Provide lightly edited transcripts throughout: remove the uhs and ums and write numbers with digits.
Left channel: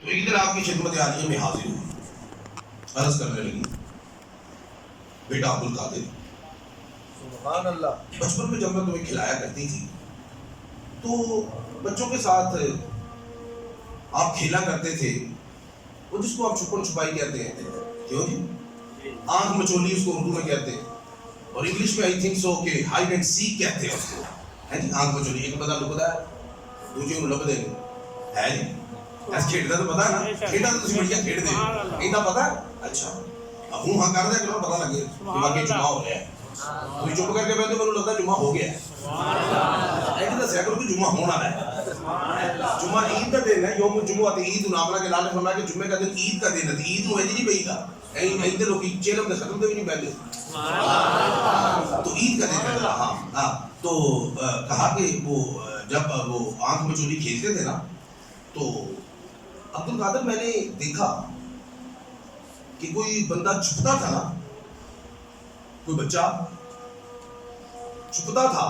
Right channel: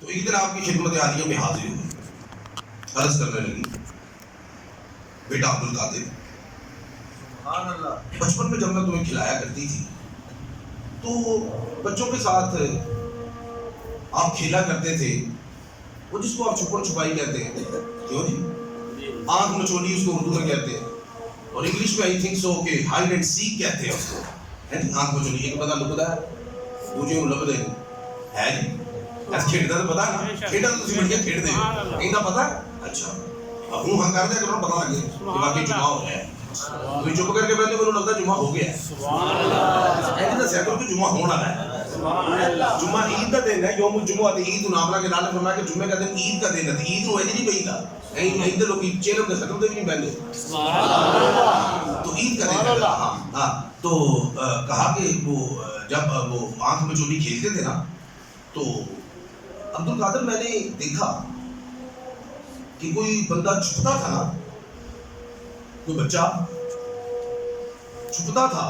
تو ایک دن آپ کی خدمت عالیہ میں حاضر ہوئی، عرض کرنے لگی، بیٹا عبدالقادر، سبحان اللہ، بچپن میں جب میں تمہیں کھلایا کرتی تھی تو بچوں کے ساتھ آپ کھیلا کرتے تھے، وہ جس کو آپ چھپن چھپائی کہتے ہیں، کیوں جی آنکھ مچولی اس کو اردو میں کہتے ہیں، اور انگلش میں آئی تھنک سو کہ ہائیڈ اینڈ سیک کہتے ہیں اس کو، ہے جی آنکھ مچولی، ایک بندہ لکدا ہے دوجے کو لب دے ہے جی ایسے کھیڈتا تو پتا ہے نا، کھیڈا تو تسی بڑھیا کھیڈ دے ہو، ایندا پتا ہے، اچھا ہوں ہاں کر دیا کرو پتا لگے کہ باقی جمعہ ہو رہا ہے، تھی چپ کر کے پہلے میرے لگتا جمعہ ہو گیا ہے، ایسے دسیا کرو کہ جمعہ ہونا ہے، جمعہ عید کا دن ہے، یوم الجمعہ عید نامنا کے لال فرمایا کہ جمعے کا دن عید کا دن ہے، عید نو نہیں پئی گا عید کے لوگ چہرے کے ختم دے بھی نہیں پہلے، تو عید کا دن ہے، ہاں ہاں تو کہا کہ وہ جب وہ آنکھ میں چولی کھیلتے تھے نا تو عبدالقادر میں نے دیکھا کہ کوئی بندہ چھپتا تھا نا، کوئی بچہ چھپتا تھا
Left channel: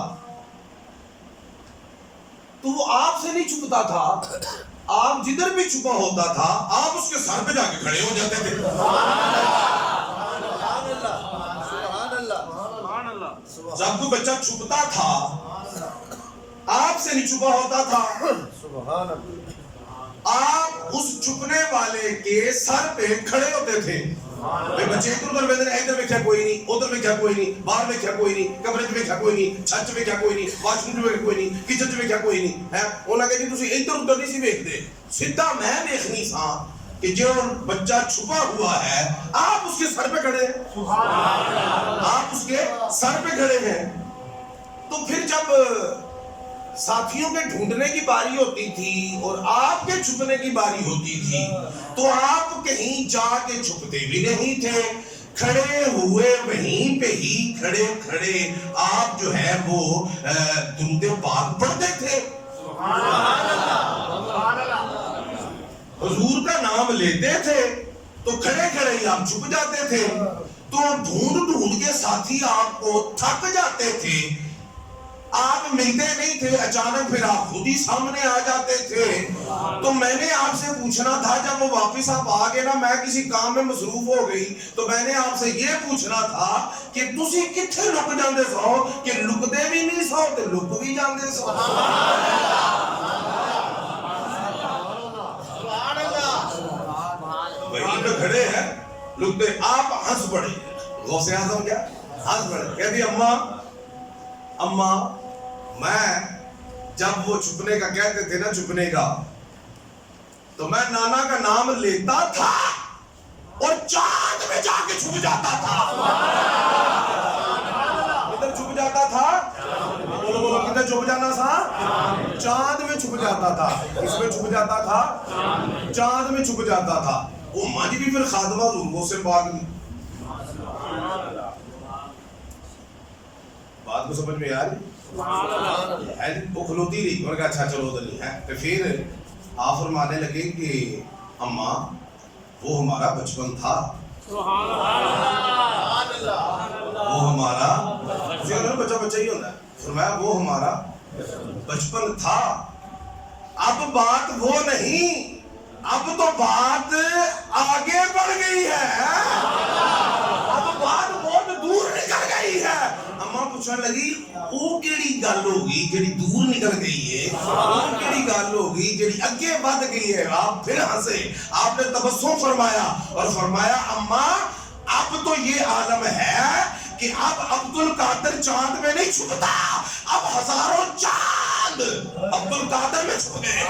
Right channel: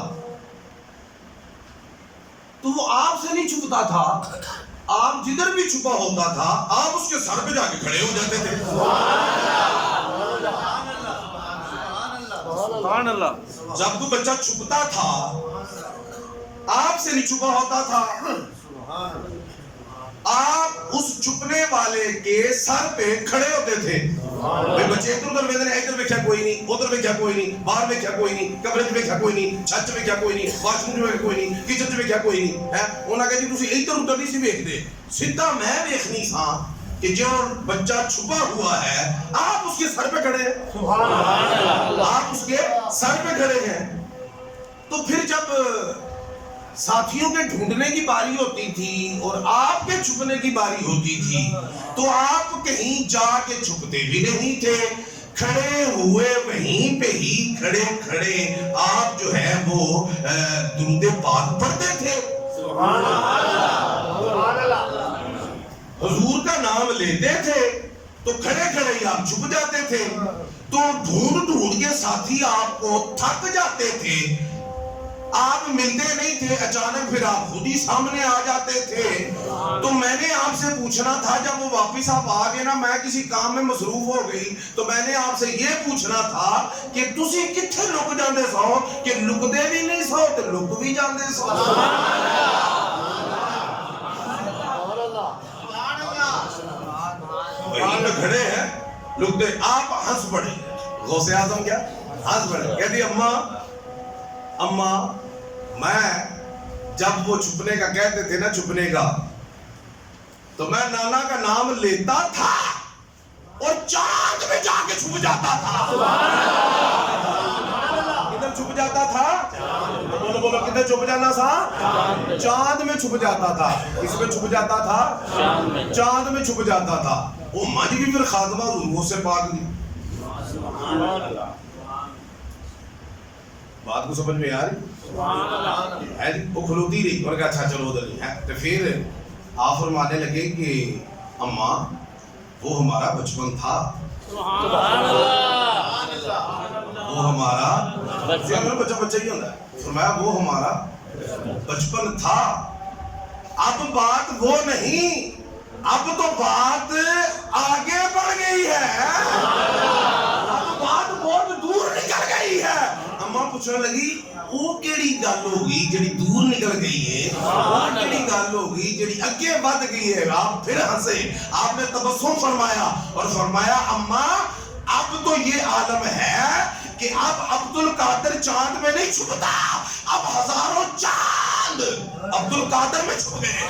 تو وہ آپ سے نہیں چھپتا تھا، آپ جدھر بھی چھپا ہوتا تھا آپ اس کے سر پہ جا کے کھڑے ہو جاتے تھے، سبحان اللہ، جب کوئی بچہ چھپتا تھا آپ سے نہیں چھپا ہوتا تھا، آپ اس چھپنے والے کے سر پہ کھڑے ہوتے تھے، بھئی بچے ادھر ادھر ویندے نے، ادھر ویکھیا کوئی نہیں، ادھر ویکھیا کوئی نہیں، باہر ویکھیا کوئی نہیں، کمرے وچ ویکھیا کوئی نہیں، چھت وچ ویکھیا کوئی نہیں، واش روم وچ ویکھیا کوئی نہیں، کچن وچ ویکھیا کوئی نہیں، ہے انہاں کہا جی تسی ادھر ادھر نہیں سی ویکھدے، سیدھا میں ویکھنی سا کہ جو بچہ چھپا ہوا ہے آپ اس کے سر پہ کھڑے ہیں، آپ اس کے سر پہ کھڑے ہیں، تو پھر جب ساتھیوں کے ڈھونڈنے کی باری ہوتی تھی اور آپ کے چھپنے کی باری ہوتی تھی تو آپ کہیں جا کے چھپتے بھی نہیں تھے، کھڑے ہوئے وہیں پہ ہی کھڑے کھڑے آپ جو ہے وہ درود پاک پڑھتے تھے، حضور کا نام لیتے تھے تو کھڑے کھڑے ہی آپ چھپ جاتے تھے، تو ڈھونڈ ڈھونڈ کے ساتھی آپ کو تھک جاتے تھے، آپ ملتے نہیں تھے، اچانک پھر آپ خود ہی سامنے آ جاتے تھے، تو میں نے آپ سے پوچھنا تھا جب وہ واپس آپ آگے نا میں کسی کام میں مصروف ہو گئی تو میں نے آپ سے یہ پوچھنا تھا کہ تسی کتھے لک جاندے سو کہ لک دے بھی نہیں سو تو لک بھی جاندے سو، وہیں پہ کھڑے ہیں لک دے، آپ ہنس پڑے، غوث اعظم کیا ہنس پڑے، کہتی اماں میں جب وہ چھپنے کا کہتے تھے نا چھپنے کا تو میں نانا کا نام لیتا تھا اور چاند میں جا کے چھپ جاتا تھا، کدھر چھپ جاتا تھا، بولو بولو کدھر چھپ جانا تھا، چاند میں چھپ جاتا تھا، اس میں چھپ جاتا تھا، چاند میں چھپ جاتا تھا، وہ ماں جی بھی پھر خادمہ ضرور سے پاک دی، بات کو سمجھ میں آ رہی ہے، وہ کھلوتی رہی، اور کہا اچھا چلو ادھر نہیں ہے، تو پھر آپ فرمانے لگے کہ اماں وہ ہمارا بچپن تھا، وہ ہمارا بچہ بچہ ہی ہوتا ہے، فرمایا وہ ہمارا بچپن تھا، اب بات وہ نہیں، اب تو بات آگے بڑھ گئی ہے، اب بات بہت دور نکل گئی ہے، اماں پوچھنے لگی وہ کیڑی گل ہوگی جڑی دور نکل گئی ہے، وہ کیڑی گل ہوگی جڑی اگے بڑھ گئی ہے، آپ پھر ہنسے، آپ نے تبسم فرمایا اور فرمایا اماں اب تو یہ عالم ہے کہ اب عبدالقادر چاند میں نہیں چھپتا، اب ہزاروں چاند عبدالقادر میں چھپ گئے ہیں،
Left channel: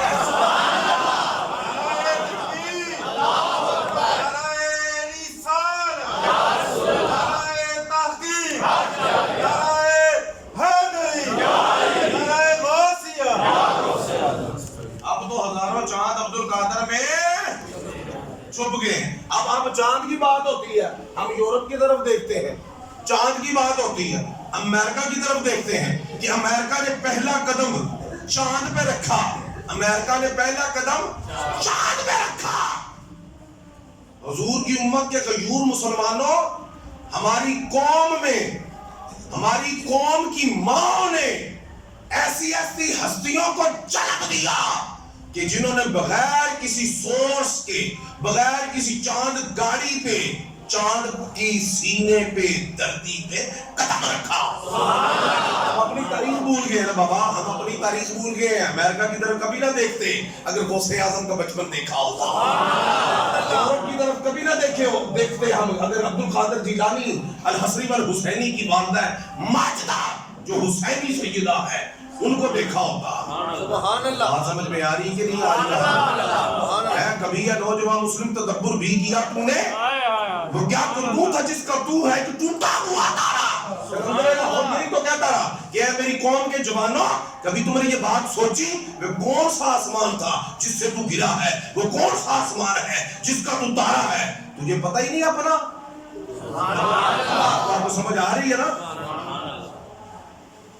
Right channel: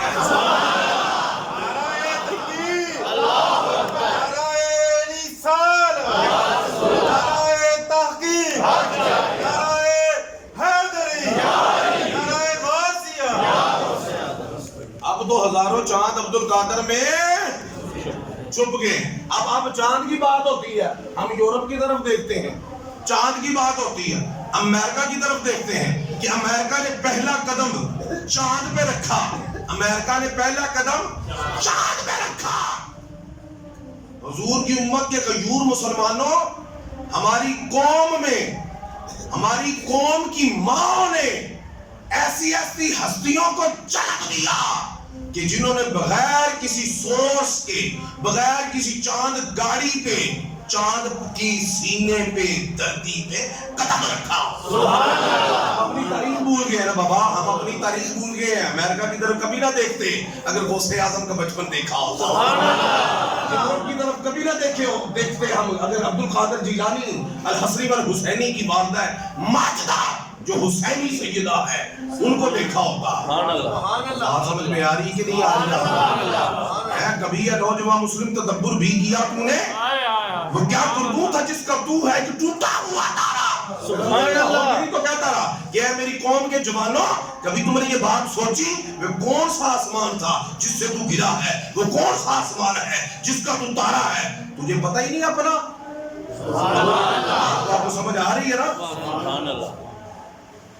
ہزاروں چاند عبدالقادر میں چھپ گئے، اب آپ چاند کی بات ہوتی ہے ہم یورپ کی طرف دیکھتے ہیں، چاند کی بات ہوتی ہے امریکہ کی طرف دیکھتے ہیں کہ امریکہ نے پہلا قدم چاند پہ رکھا، امریکہ نے پہلا قدم چاند پہ رکھا، حضور کی امت کے غیور مسلمانوں ہماری قوم میں ہماری قوم کی ماں نے ایسی ایسی ہستیوں کو جنم دیا کہ جنہوں نے بغیر کسی سورس کے، بغیر کسی چاند گاڑی پہ، چاند کی سینے پہ، دھرتی پہ قدم رکھا. ہم اپنی تاریخ بھول گئے نا بابا، ہم اپنی تاریخ بھول گئے ہیں. امریکہ کی طرف کبھی نہ دیکھتے اگر غوث اعظم کا بچپن دیکھا ہوتا. یورپ کی طرف کبھی نہ دیکھتے ہم اگر عبد القادر جیلانی الحصری والحسینی کی والدہ ماجدہ جو حسینی سیدہ ہے ان کو دیکھا ہوتا. بات سمجھ میں آ رہی کہ نہیں آ رہی ہے؟ کبھی یہ نوجوان مسلم تدبر بھی کیا تو نے؟ وہ کیا تو تھا جس کا تو ہے کہ ٹوٹا ہوا تارا اور نہیں تو کہتا رہا کہ اے میری قوم کے جوانوں، کبھی تم نے یہ بات سوچی وہ کون سا آسمان تھا جس سے تو گرا ہے؟ وہ کون سا آسمان ہے جس کا تو تارا ہے؟ تجھے پتہ ہی نہیں اپنا؟ آپ کو سمجھ آ رہی ہے نا؟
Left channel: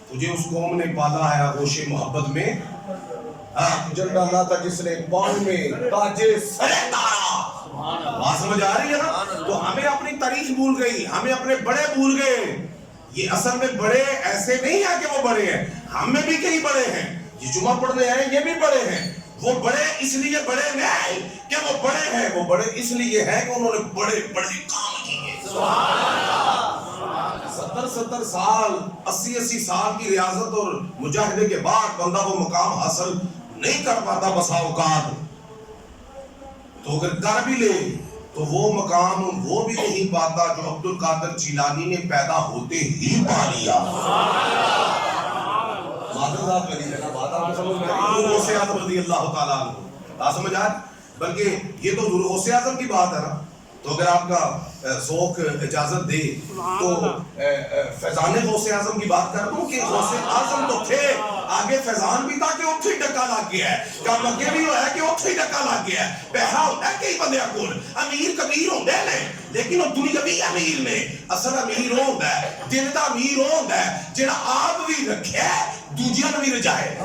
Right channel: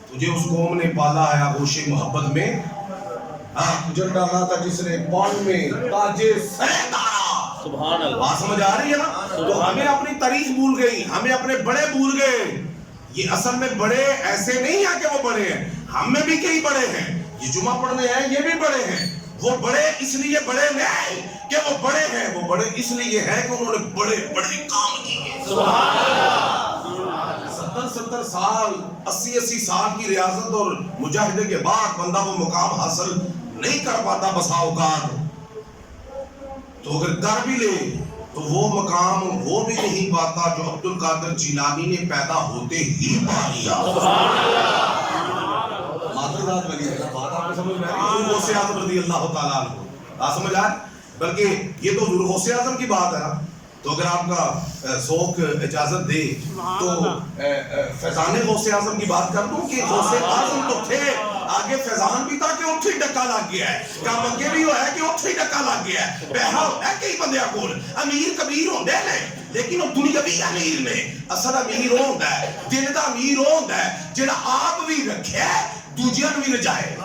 تجھے اس قوم نے پالا ہے آغوش محبت میں، جل ڈالا تھا جس نے پاؤں میں تاجے سرے تارا. بات سمجھ آ رہی ہے نا؟ تو ہمیں اپنی تاریخ بھول گئی، ہمیں اپنے بڑے بھول گئے. یہ اصل میں بڑے ایسے نہیں ہیں کہ وہ بڑے ہیں، ہم میں بھی کئی بڑے ہیں. یہ جمعہ پڑھنے ہیں یہ بھی بڑے ہیں. وہ بڑے اس لیے بڑے نہیں کہ وہ بڑے ہیں، وہ بڑے اس لیے ہیں کہ انہوں نے بڑے بڑے کام کیے. 70 سال 80 سال کی ریاضت اور مجاہدے کے بعد بندہ وہ مقام حاصل نہیں کر پاتا بسا اوقات. تو اگر کر بھی لے تو وہ مقام وہ بھی نہیں پاتا جو عبد القادر جیلانی نے پیدا ہوتے ہی پا لیا. مادر ذات ولی ہے نا، بات آپ کو سمجھ میں آ رہی ہے؟ غوث اعظم رضی اللہ تعالیٰ عنہ آپ سمجھ آئے؟ بلکہ یہ تو غوث اعظم کی بات ہے نا. تو اگر آپ کا ذوق اجازت دے تو فیضان غوث اعظم کی بات کر دوں کہ غوث اعظم تو تھے، آگے فیضان بھی تھا کہ اتھے ہی ڈکا لگ گیا ہے، کام اگے بھی ہوا ہے کہ اتھے ہی ڈکا لگ گیا ہے. بہرا ہوتا ہے کئی بندے کول امیر کبیر ہوندے نے لیکن وہ دنیاوی امیر نے. اصل امیر ہوندا ہے، دل دا امیر ہوندا ہے جڑا آپ بھی رکھے دوجیاں نوں بھی رجائے.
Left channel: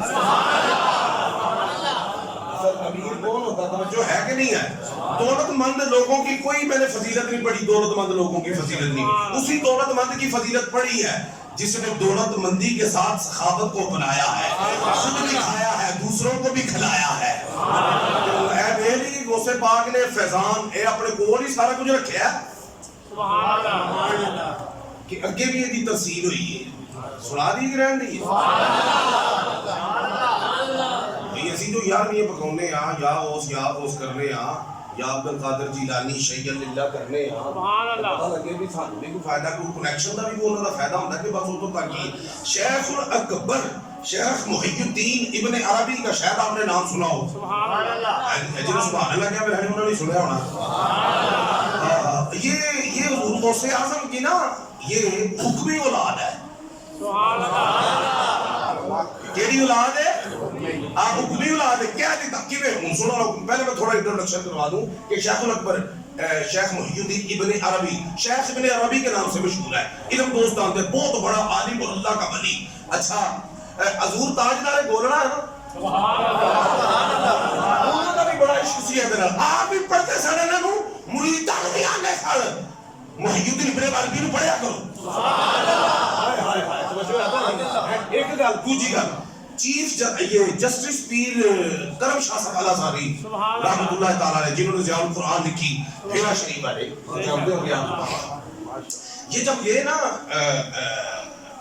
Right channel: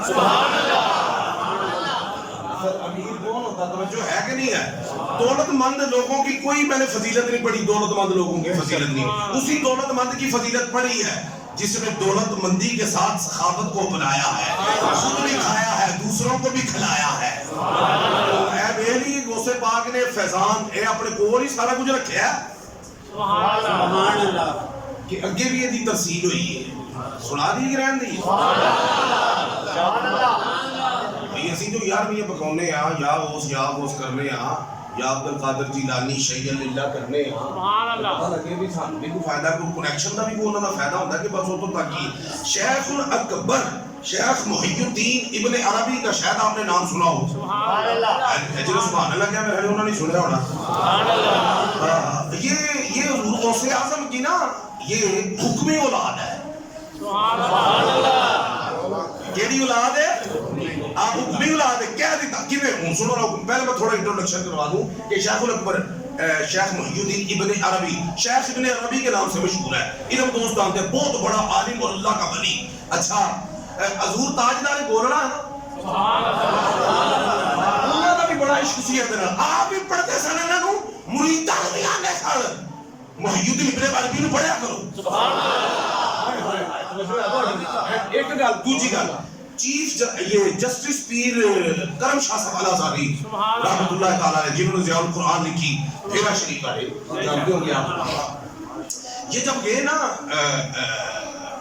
اصل امیر کون ہوتا ہے؟ توجہ ہے کہ نہیں ہے؟ دولت مند لوگوں کی کوئی میں نے فضیلت نہیں پڑھی، دولت مند لوگوں کی فضیلت نہیں. اسی دولت مند کی فضیلت پڑھی ہے جس نے دولت مندی کے ساتھ سخاوت کو اپنایا ہے، خود بھی کھایا ہے دوسروں کو بھی کھلایا ہے. تو اے میری غوث پاک نے فیضان اے اپنے کول ہی سارا کچھ رکھیا ہے. سبحان اللہ. کہ اگے بھی یہ دی ترسیل ہوئی ہے، سنا دی کہ رہن دی بھئی اسی جو یار میں یہ پکونے ہاں یا غوث کرنے ہاں یا عبد القادر جیلانی شیع اللہ کرنے ہاں پتہ لگے بھی سانوں بھی کوئی فائدہ، کوئی کنیکشن دا بھی کوئی انہوں دا فائدہ ہوتا ہے کہ بس وہ تو تاکہ شیخ الاکبر شیخ محی الدین ابن عربی کا شاید آپ نے نام سنا ہو. سبحان اللہ کیا میرے انہوں نے سنیا ہونا. یہ غوث اعظم کی نا یہ حکمی اولاد ہے. کیڑی اولاد ہے؟ حکمی اولاد ہے. کیا دیتا کیویں ہوں سنو. پہلے میں تھوڑا انٹروڈکشن کروا دوں کہ شیخ الاکبر شیخ محی الدین ابن عربی شیخ ابن عربی کے نام سے مشہور ہے. علم دوست جانتے ہیں، بہت بڑا عالم اور اللہ کا ولی. اچھا حضور تاجدار گولڑا ہے نا، انہوں نے بھی بڑا عشق سی ہے. آپ بھی پڑھتے سن انہاں نوں مریداں نوں بھی آندے سن محی الدین ابن عربی نوں پڑھیا کرو. ایک گل دوجی گل چیف یہ جسٹس پیر کرم شاہ صاحب الازہری رحمۃ اللہ تعالی علیہ جنہوں نے ضیاء القرآن لکھی پھیرا شریف ہے جانتے ہوں گے آپ. یہ جب گئے نا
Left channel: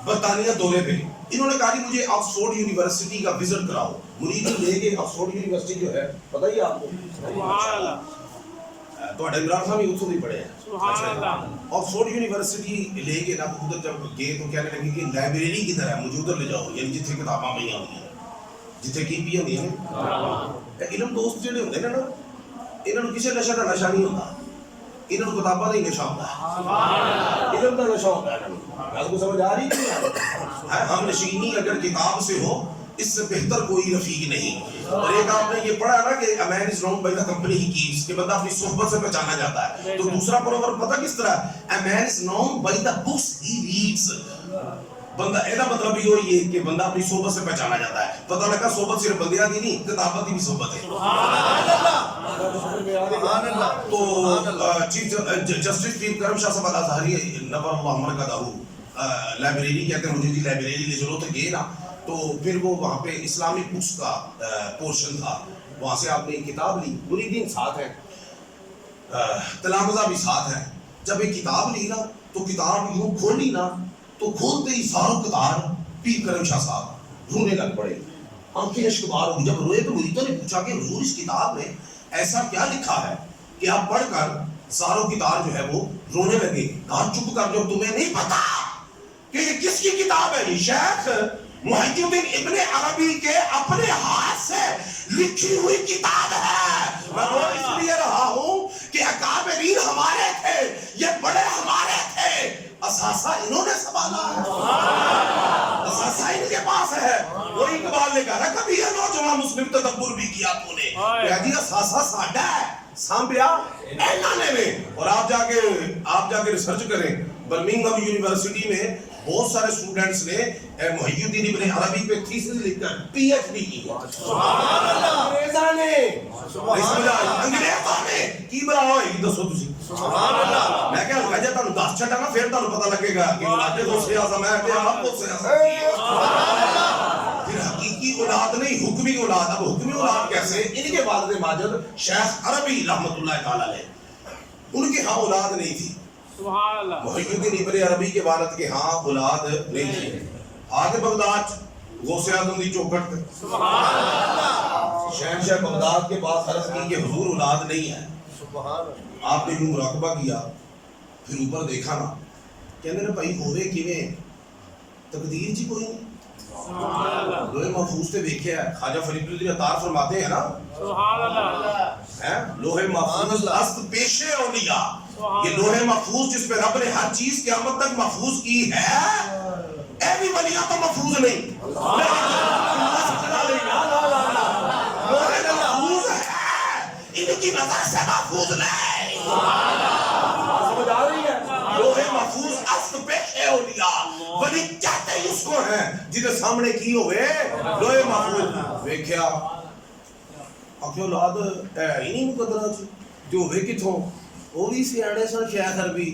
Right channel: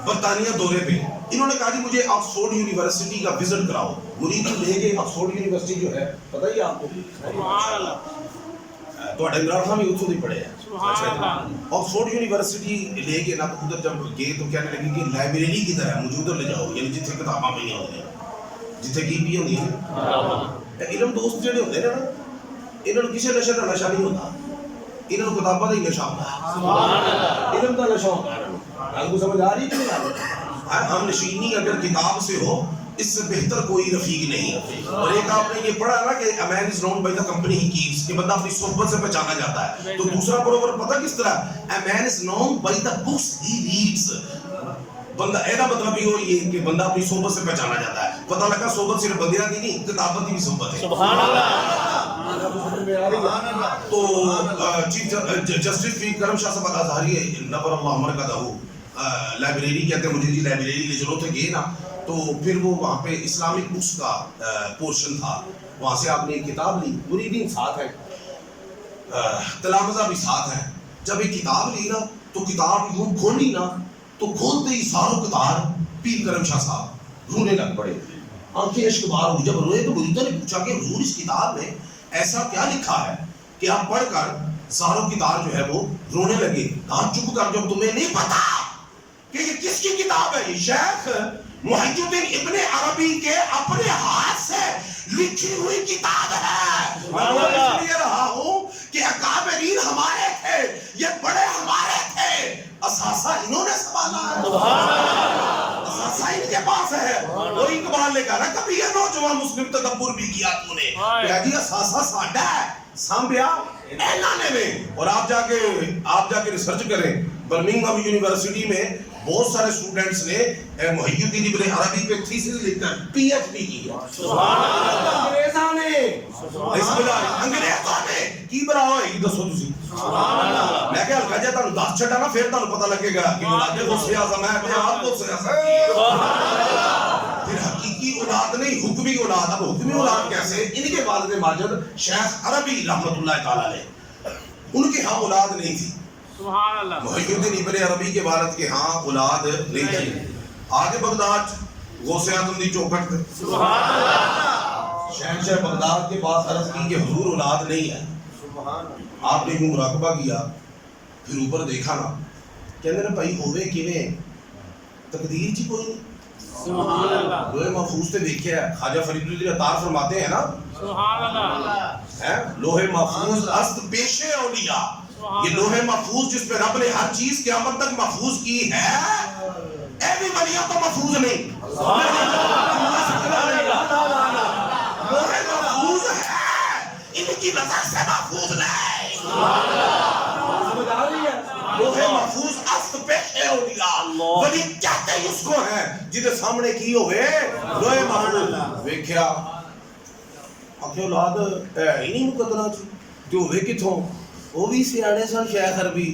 برطانیہ دورے پہ انہوں نے کہا کہ مجھے آکسفورڈ یونیورسٹی کا وزٹ کراؤ. مرید لے گئے. آکسفورڈ یونیورسٹی جو ہے پتہ ہی آپ کو تو عمران خان بھی اتوں ہی پڑھے ہیں. آکسفورڈ یونیورسٹی لے گئے نا تو ادھر جب گئے تو کہنے لگے کہ لائبریری کدھر ہے، مجھے ادھر لے جاؤ، یعنی جتنے کتاباں پہ ہوتی ہیں جتنے کی بھی ہوتی ہیں. علم دوست جڑے ہوتے ہیں نا انہوں نے کسی نشے کا نشہ نہیں ہوتا، انہوں نے کتاباں کا ہی نشہ ہوتا ہے، علم کا نشہ ہوتا ہے. آپ کو سمجھ آ رہی کہ نہیں آ رہی؟ ہم نشینی اگر کتاب سے ہو اس سے بہتر کوئی رفیق نہیں. اور ایک آپ نے یہ پڑھا نا کہ a man is known by the company he keeps، کہ بندہ اپنی صحبت سے پہچانا جاتا ہے. تو دوسرا پروورب پتہ کس طرح a man is known by the books he reads. بندہ ایسا مطلب ہی ہو یہ کہ بندہ اپنی صحبت سے پہچانا جاتا ہے. پتہ لگا صحبت صرف بندیاں کی نہیں، کتابت کی بھی صحبت ہے. تو چیف جسٹس پیر کرم شاہ صاحب الازہری نبر اللہ مرکزہ لائبریری کہتے ہیں، مجھے جی لائبریری لے چلو تھے گئے نا تو پھر وہ وہاں پہ اسلامک بکس کا پورشن تھا وہاں سے آپ نے ایک کتاب لی, مریدین ساتھ ہیں, تلامذہ بھی ساتھ ہیں. جب ایک کتاب لی نا تو کتاب یوں کھولی نا تو کھولتے ہی ساروں قطار پیر کرم شاہ صاحب رونے لگ پڑے, آنکھیں اشک بار ہو. جب روئے تو مریدوں نے پوچھا کہ حضور اس کتاب میں ایسا کیا لکھا ہے کہ آپ پڑھ کر ساروں کتار جو ہے وہ رونے لگے؟ کہا چپ کر, جب تمہیں نہیں پتا کہ یہ کس کی کتاب ہے, یہ شیخ محی الدین ابن عربی کے اپنے ہاتھ سے لکھی ہوئی کتاب ہے. میں رو اس لیے رہا ہوں کہ اکابرین ہمارے تھے, یہ بڑے ہمارے تھے, اثاثہ انہوں نے سنبھالا ہے, اثاثہ ان کے پاس ہے. وہی اقبال نے کہا کبھی یہ نوجوان مسلم تدبر بھی کیا تو نے, کہہ دیا اثاثہ ساڈا ہے, سانبیا اعلان میں. اور آپ جا کے ریسرچ کریں, برمنگھم یونیورسٹی میں بہت سارے اسٹوڈنٹس نے محی الدین ابن عربی پہ تھیسس لکھ کر پی ایچ ڈی کی ہے. انگریزاں نے کی بلا ہوئے دسو تسی, میں کہ ہلکا جا تانوں دس چھٹا نا پھر تانوں پتہ لگے گا کہ اولاد غوث اعظم ہے کہ آپ غوث اعظم کی ہے. پھر حقیقی اولاد نہیں, حکمی اولاد. اب حکمی اولاد کیسے؟ ان کے والد ماجد شیخ عربی رحمۃ اللہ تعالی علیہ, ان کے ہاں اولاد نہیں تھی. سبحان اللہ. محی الدین ابن عربی کے والد کے ہاں اولاد نہیں تھی. آگے بغداد غوث اعظم دی چوکھٹ پہ سبحان اللہ. شہنشاہ بغداد کے پاس عرض کی کہ حضور اولاد نہیں ہے. آپ نے یوں مراقبہ کیا, پھر اوپر دیکھا نا, کہندے نے بھائی ہوے کیویں, تقدیر جی کوئی نہیں. سبحان اللہ. لوہے محفوظ تے دیکھیا ہے, خواجہ فرید الدین عطار فرماتے ہیں نا, سبحان اللہ. ہے لوہے محفوظ است پیش اولیاء, یہ لوہے محفوظ جس پہ رب نے ہر چیز قیامت تک محفوظ کی ہے, اے بھی ولیاں تو محفوظ نہیں. لوہے محفوظ ہے, ان کی نظر سے محفوظ نہیں. سمجھ آ رہی ہے؟ لوہے محفوظ است پیش اولیاء, ولی کہتے ہی اس کو ہیں جنہیں سامنے کی ہوئے لوہے محفوظ. ویکھیا آخر اولاد ہے ہی نہیں مقدرہ چ, جو ہوئے کتھوں, وہ بھی سیاڑے سن شیخ عربی,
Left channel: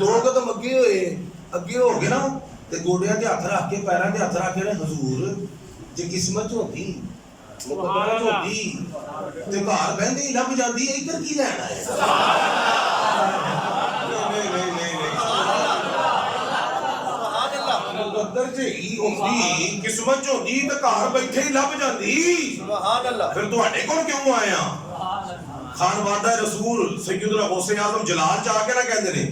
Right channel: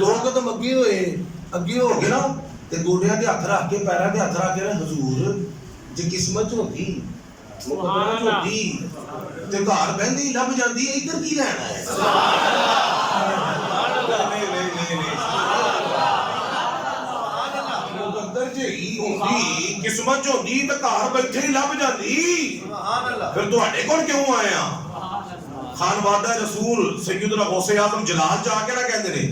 دو قدم اگے ہو گئے نا, تے گوڑیاں تے ہاتھ رکھ کے پیراں تے ہاتھ رکھ کے حضور جے قسمت ہوندی مقدرہ ہوندی تے گھر بہندے ہی لب جاندی, ادھر کی لینا ہے. مقدر جے ہی ہوندی, قسمت ہوندی تے گھر بیٹھے ہی لب جاندی. پھر تواڈے کول کیوں آئے ہاں؟ خانوادہ رسول سیدنا غوث اعظم جلال جا کے نہ کہندے نے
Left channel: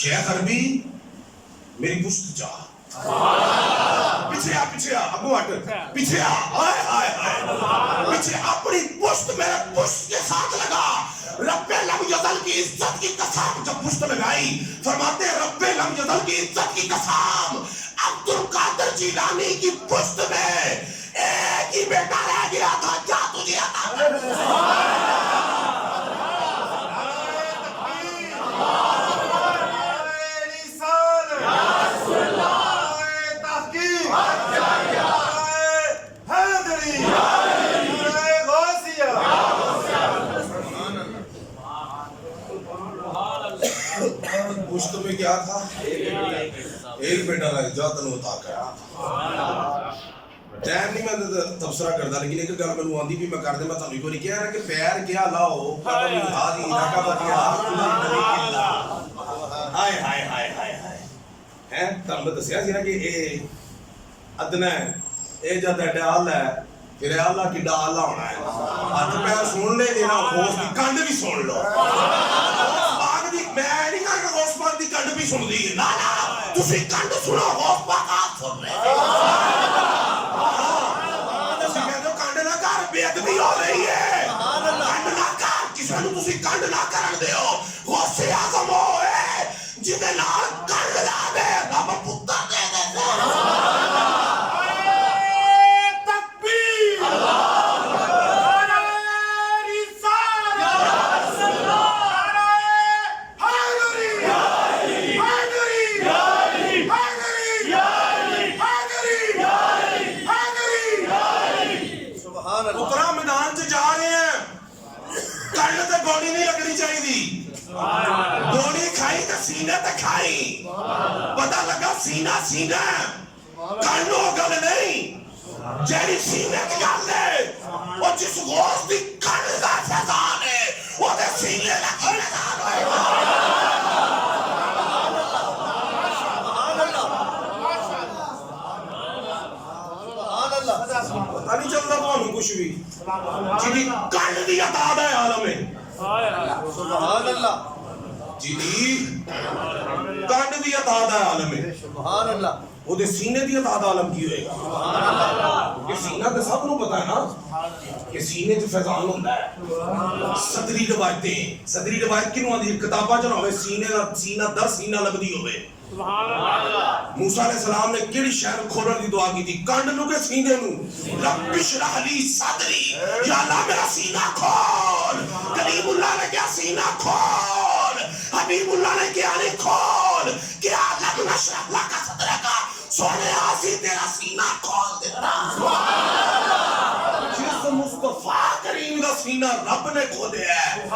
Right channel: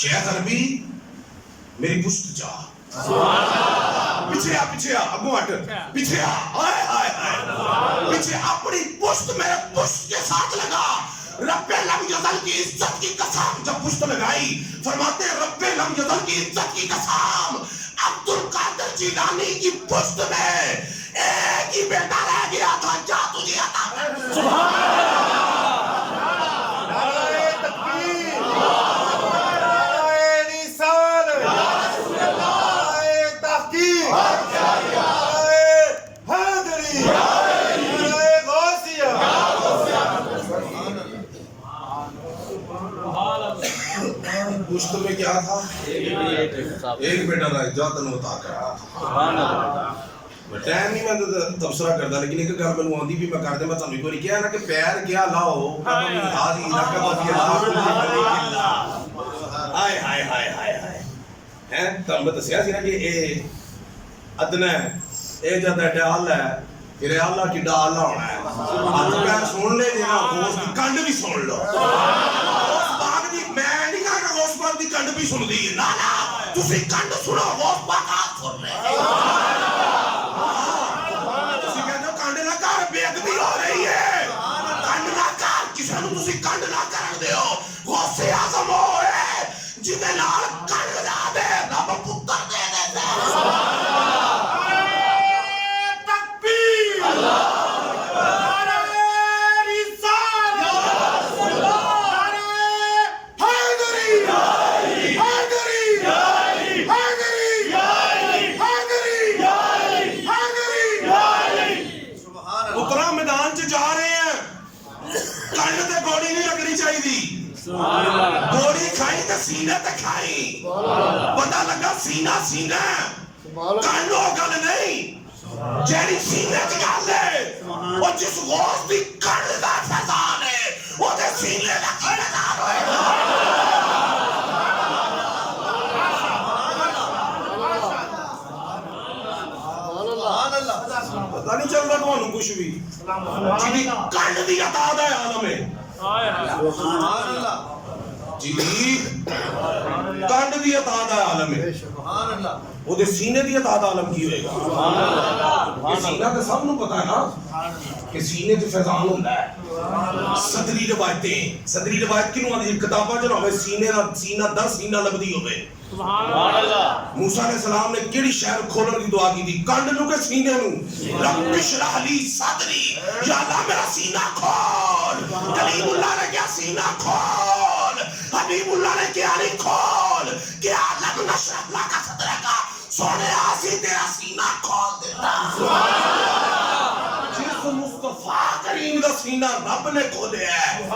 شیخ عربی میری پشت جا, پیچھے آ ابو ہٹ, پیچھے آ, ہائے ہائے ہائے, پیچھے اپنی پشت میرے پشت کے ساتھ لگا. رب لم یزل کی عزت کی قسم, جب پشت لگائی فرماتے رب لم یزل کی عزت کی قسم, عبد القادر جیلانی کی پشت میں ایک ہی بیٹا رہ گیا تھا, کیا تجھے عطا ہے؟ پشت میں کیا تھا؟ ایک بیٹا رہ جا تنو عطا کر. ٹائم نہیں میں تبصرہ کرتا, لیکن ایک گل مینوں آندی بھی میں کر دے. میں تانوں ایک واری کہیا نا کہ پیر کیا لاؤ قدم ہادی رکب کی اللہ, ہائے ہائے ہائے ہائے ہائے ہیں. تانوں میں دسیا سی نا کہ اے ادنا ہے, اے جد ڈال ہے, پھر اللہ کی ڈال ہونا ہے. ہاتھ پیر سن لے جی نا, غوث دی کنڈ بھی سن لو. میں نہیں کہا کہ غوث پاک دی کنڈ بھی سن لی, نا نا تسی کنڈ سنو, غوث پاک آپ سن لے. تسی کہتے ہو کنڈ نہ کر, بے ادبی ہو رہی ہے. کنڈ نہ کر, کسی نو تسی کنڈ نہ کرن دیو. غوث اعظم ہوئے جنہیں نال کنڈ لا دے, رب پتر دے دے دے. گولی نہیں لگنی چاہیے, گولی کھائی تو سینے تے کھائی, پتہ لگا سینہ سینہ, کانو گل نہیں. جیڑی سینے کی گل ہے وہ جس غوث دی کن دا فیضان ہے وہ دے سینے لکھی نظر ہوئے گا. پتہ نہیں چل رہا تھانوں کچھ بھی جی کنڈ دی عطا دا عالم ہے جی کنڈ دی عطا دا عالم ہے وہ دے سینے دی عطا دا عالم کی ہوئے گا. یہ سینہ تے سب نو پتہ ہے نا کہ سینے تے فیضان ہوندا ہے. صدری روایتیں صدری روایت کینوں آندی کتاباں چ ہوے سینہ در سینہ لبدی ہوے. سبحان اللہ. موسیٰ علیہ السلام نے کیڑی شہر کھولن دی دعا کی تھی کنڈ نو کے سینے نو رب اشرح لی صدری یا اللہ میرا سینہ کھول. کلیم اللہ نے کیا سینہ کھول حبیب اللہ نے کیا نہیں کھول کہ علم نشرح لک صدرک سونے آسی تیرا سینہ کھول دیتا. جس مصطفیٰ کریم کا سینہ رب نے کھولے ہے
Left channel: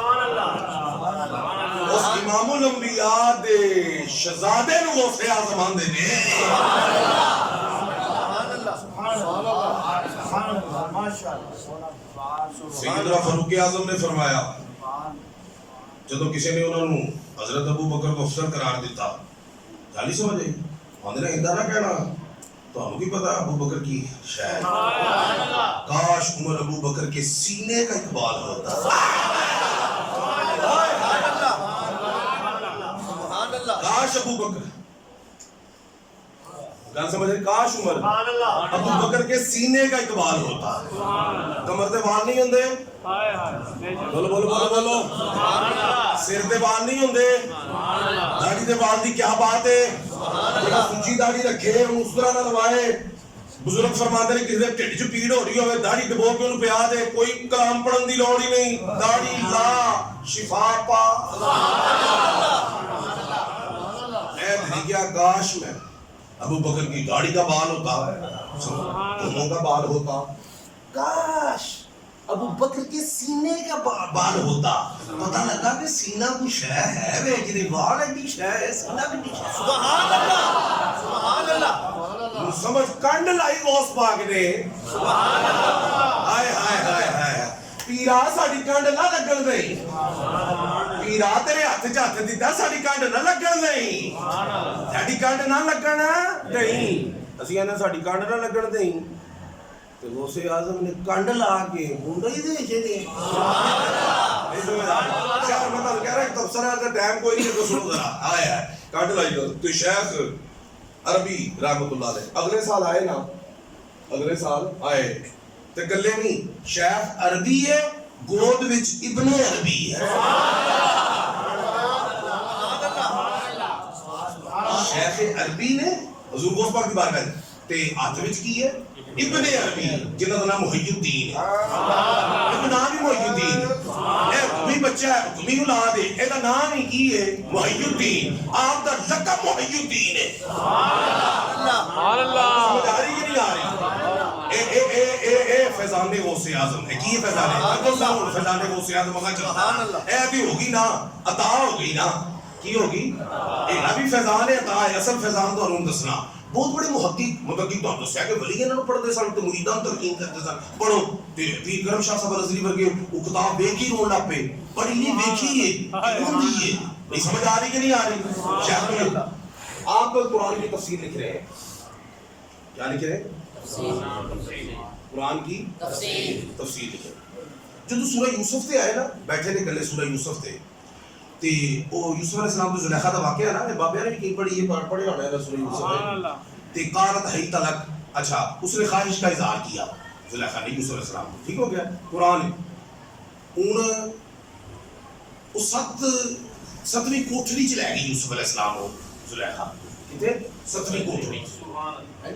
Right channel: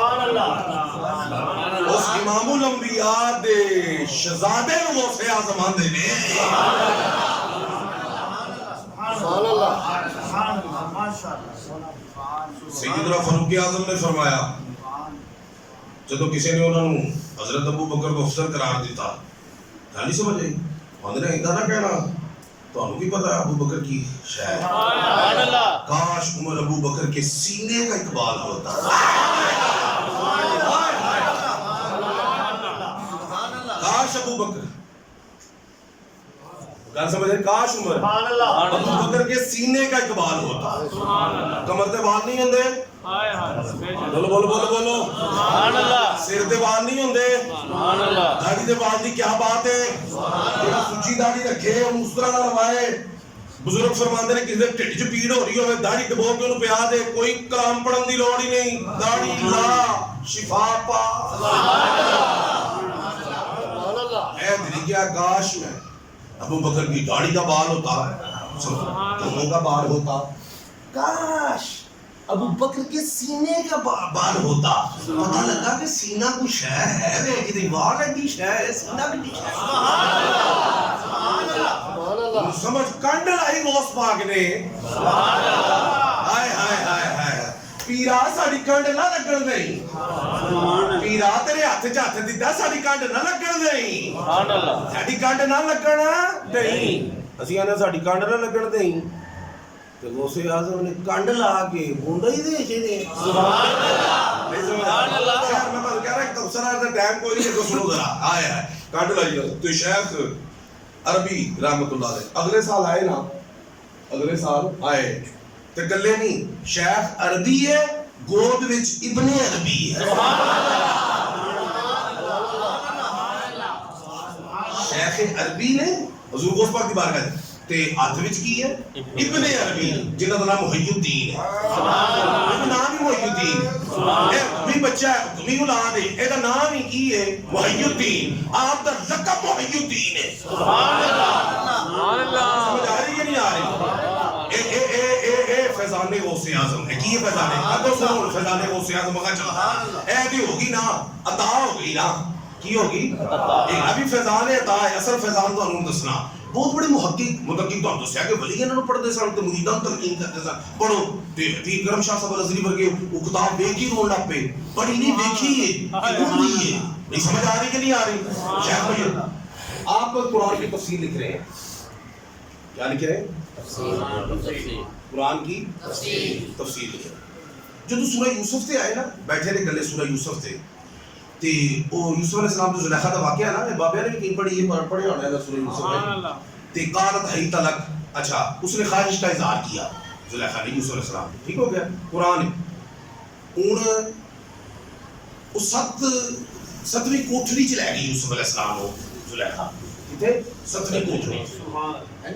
اس امام الانبیاء دے شہزادے نو غوث اعظم آندے نے. سیدنا فاروق اعظم نے فرمایا جدو کسی نے انہوں نے حضرت ابو بکر کو افسر قرار دیتا گل ہی سمجھ آئی آندے نے ایدا نہ کہنا تانوں کی پتہ ہے ابو بکر کی شے کاش عمر ابو بکر کے سینے کا اقبال ہوتا. کاش ابو بکر گل سمجھ رہے کاش عمر ابو بکر کے سینے کا اقبال ہوتا. کمر تے بال نہیں ہوندے بولو بولو بولو بولو سر تے بال نہیں ہوندے داڑھی تے بال دی کیا بات ہے. سچی داڑھی رکھے اس طرح نہ روائے. بزرگ فرماندے نے کسی دے ٹھڈ چ پیڑ ہو رہی ہوے داڑھی ڈبو کے اونوں پیا دے کوئی کلام پڑھن دی لوڑ ہی نہیں. داڑھی لا شفا پا. اے دلی کیا کاش میں ابو بکر کی داڑھی کا بال ہوتا دونوں کا بال ہوتا. کاش ابو بکر کے سینے کا بال ہوتا. پتہ لگا کہ سینہ کو شے ہے وے جدی بال ایڈی شے ہے سینہ بھی شے. سبحان اللہ سمجھ کنڈ لائی غوث پاک نے. ہائے ہائے ہائے ہائے پیرا ساڈی کنڈ نہ لگن دئی. پیرا تیرے ہاتھ چ ہاتھ دتا ساڈی کنڈ نہ لگن دئی. ساڈی کنڈ نہ لگن دئی. اسی نے ساڈی کنڈ نہ لگن دئی تے غوث اعظم نے کنڈ لا کے مونڈا ہی دے چھڑے. نہیں سمجھ آ رہی خیر میں بات کہہ رہا کہ تبصرہ دا ٹائم کوئی نہیں کو سنو ذرا آیا ہے کنڈ لائی تو شیخ عربی رحمت اللہ علیہ اگلے سال آئے نا اگلے سال آئے تے گلے نہیں شیخ عربی ہے گود وچ ابن عربی ہے. شیخ عربی نے حضور غوث پاک دی بارگاہ تے ہاتھ وچ کی ہے ابن عربی جنہاں دا نام محی الدین ہے. یہ نام ہی محی الدین ہے. اے بھی بچہ ہے حکمی اولاد ہے اے دا نام ہی کی ہے محی الدین. آپ دا لقب محی الدین ہے. سبحان اللہ سمجھ آ رہی ہے نہیں آ رہی. اے فیضان غوث اعظم ہے کی فیضان ہے سنو فیضان غوث اعظم کا چلا اے بھی ہوگی نا عطا ہوگی نا کی ہوگی اے بھی فیضان عطا ہے. اصل فیضان تو انہوں دسنا بہت بڑے محقق تو دسیا کہ ولی انہوں پڑھتے سن تو مریداں تلقین کرتے سن پڑھو پیر کرم شاہ صاحب الازہری ورگے وہ کتاب ویکھ ہی رون لگ پے پڑھی نہیں ویکھی ہے ہوندی ہے. نہیں سمجھ آ رہی کہ نہیں آ رہی. شیخ بھائی آپ قرآن کی تفسیر لکھ رہے ہیں کیا لکھ رہے ہیں قرآن کی تفسیر لکھ رہے ہیں. جو سورہ یوسف سے آئے نا بیٹھے نے گلے سورہ یوسف سے تے او یوسف علیہ السلام تو زلیخا دا واقعہ ہے نا یہ بابیا نے بھی کہیں پڑھی یہ پڑھے ہونا ہے سورہ یوسف میں تے قالت حیت لک اچھا اس نے خواہش کا اظہار کیا زلیخا نے یوسف علیہ السلام ٹھیک ہو گیا. قرآن ہن اس ستویں کوٹھڑی چ لے گئی یوسف علیہ السلام کو زلیخا کتے ستویں کوٹھڑی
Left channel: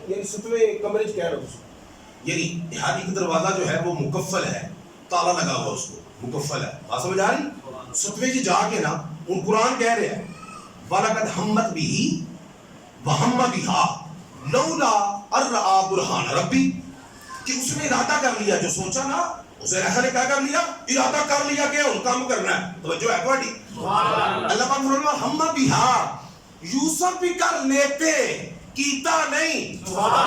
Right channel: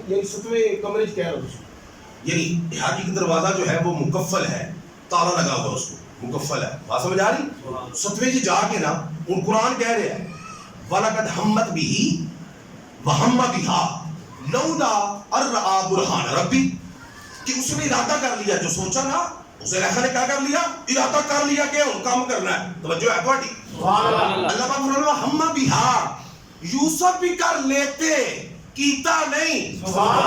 یعنی ستویں کمرے چ کہہ رہا یعنی ہر ایک دروازہ جو ہے وہ مکفل ہے تالا لگا ہوا اس کو مکفل ہے. بات سمجھ آ رہی. ستویں جی جا کے نا ان قرآن کہہ رہے ہیں وَلَقَدْ هَمَّتْ بِهِ وَهَمَّ بِهَا لَوْلَا أَن رَأَىٰ بُرْهَانَ رَبِّهِ کہ اس نے ارادہ کر لیا جو سوچا نا اسے زلیخا نے کیا کر لیا ارادہ کر لیا کہ ان کام کرنا ہے. توجہ ہے تھوڑی اللہ پاک فرمایا ہم بِهَا یوسف بھی کر لیتے کیتا نہیں. سبحان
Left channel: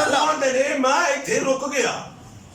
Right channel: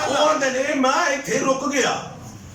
ਉਹ ਆਂਦੇ ਨੇ ਮੈਂ ਇੱਥੇ ਰੁਕ ਗਿਆ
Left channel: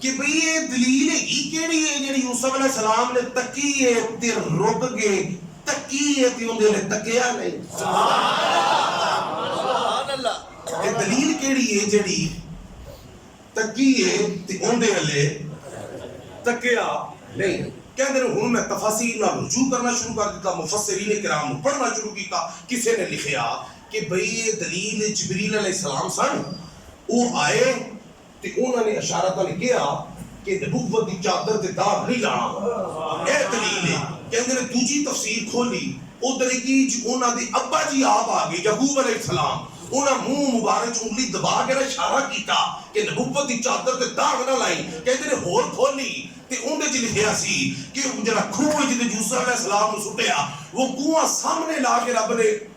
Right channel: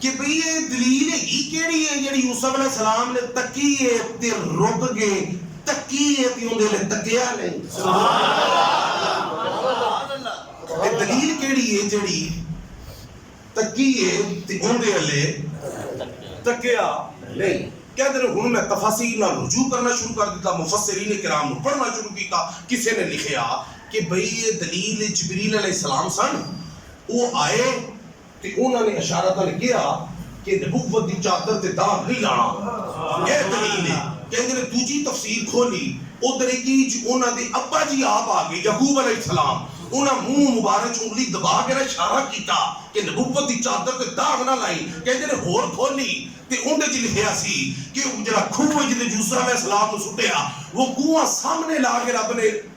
ਕਿ ਭਈ ਇਹ ਦਲੀਲ ਹੈਗੀ ਕਿਹੜੀ ਹੈ ਜਿਹੜੀ ਯੂਸਫ ਅਲੈਹਿਸ ਸਲਾਮ ਨੇ ਤੱਕੀ ਹੈ ਤੇ ਰੁਕ ਗਏ ਤੱਕੀ ਹੈ ਤੇ ਉਹਦੇ ਲਈ ਤੱਕਿਆ ਨਹੀਂ ਸੁਭਾਨ ਅੱਲਾਹ ਇਹ ਦਲੀਲ ਕਿਹੜੀ ਹੈ ਜਿਹੜੀ ਤੱਕੀ ਹੈ ਤੇ ਉਹਦੇ ਲਈ ਤੱਕਿਆ ਨਹੀਂ ਕਹਿੰਦੇ ਨੇ ਹੁਣ ਮੈਂ ਤਫਾਸੀਲ ਨਾਲ ਰਜੂ ਕਰਨਾ ਸ਼ੁਰੂ ਕਰ ਦਿੱਤਾ ਮੁਫੱਸਿਰੀਨ ਕਿਰਾਮ ਨੂੰ ਪੜ੍ਹਨਾ ਸ਼ੁਰੂ ਕੀਤਾ ਕਿਸੇ ਨੇ ਲਿਖਿਆ ਕਿ ਭਈ ਇਹ ਦਲੀਲ ਜਿਬਰੀਲ ਅਲੈਹਿਸਲਾਮ ਸਨ ਉਹ ਆਏ ਤੇ ਉਹਨਾਂ ਨੇ ਇਸ਼ਾਰਤਨ ਕਿਹਾ ਕਿ ਨਬੂਵਤ ਦੀ ਚਾਦਰ ਤੇ ਦਾਗ ਨਹੀਂ ਲਾਣਾ ਇਹ ਦਲੀਲ ਹੈ ਕਹਿੰਦੇ ਨੇ ਦੂਜੀ ਤਫਸੀਰ ਖੋਲੀ ਉਧਰ ਕੀ ਉਹਨਾਂ ਦੇ ਅੱਬਾ ਜੀ ਆਪ ਆ ਗਏ ਯਾਕੂਬ ਅਲੈਹਿਸਲਾਮ ਉਹਨਾਂ ਮੂੰਹ ਮੁਬਾਰਕ ਚ ਉਂਗਲੀ ਦਬਾ ਕੇ ਇਸ਼ਾਰਾ ਕੀਤਾ ਕਿ ਨਬੂਵਤ ਦੀ ਚਾਦਰ ਤੇ ਦਾਗ ਨਾ ਲਾਈ ਕਹਿੰਦੇ ਨੇ ਹੋਰ ਖੋਲੀ ਤੇ ਉਹਦੇ ਚ ਲਿਖਿਆ ਸੀ ਕਿ ਉਹ ਜਿਹੜਾ ਖੂਹ ਜਿਹਦੇ ਯੂਸੁਫ ਅਲੈਹਿਸਲਾਮ ਨੂੰ ਸੁੱਟਿਆ ਉਹ ਕੂਆ ਸਾਹਮਣੇ ਲਾ ਕੇ ਰੱਬ ਨੇ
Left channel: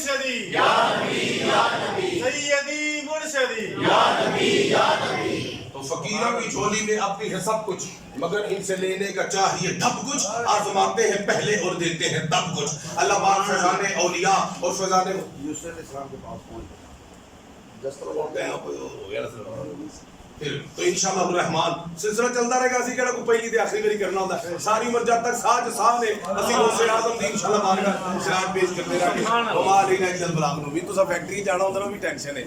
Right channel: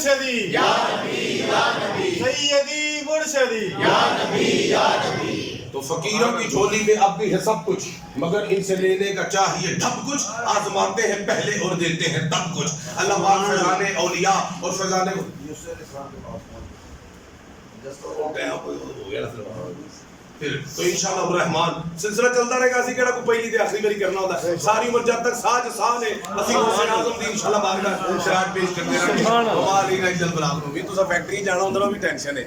مرشدی یا نبی یا نبی سیدی مرشدی تو فقیروں کی جھولی میں اب بھی ہے سب کچھ، مگر ان سے لینے کا چاہیے ڈھب کچھ، آزماتے ہیں پہلے اور دیتے ہیں تب کچھ۔ اللہ پاک فیضان اولیاء اور فیضان یوسف علیہ السلام کے پاس پھر تو انشاءاللہ الرحمن سلسلہ چلتا رہے گا، اسی کہڑا کو پہلی تے آخری باری کرنا ہوتا ہے، ساری عمر جب تک ساج ساہ نے اسی غوث اعظم دی انشاءاللہ بارگاہ خراج پیش کرتے رہے گا۔ وما علینا الا البلاغ المبین۔ تو سا فیکٹری جانا ہوندے نا بھی ٹینشن ہے۔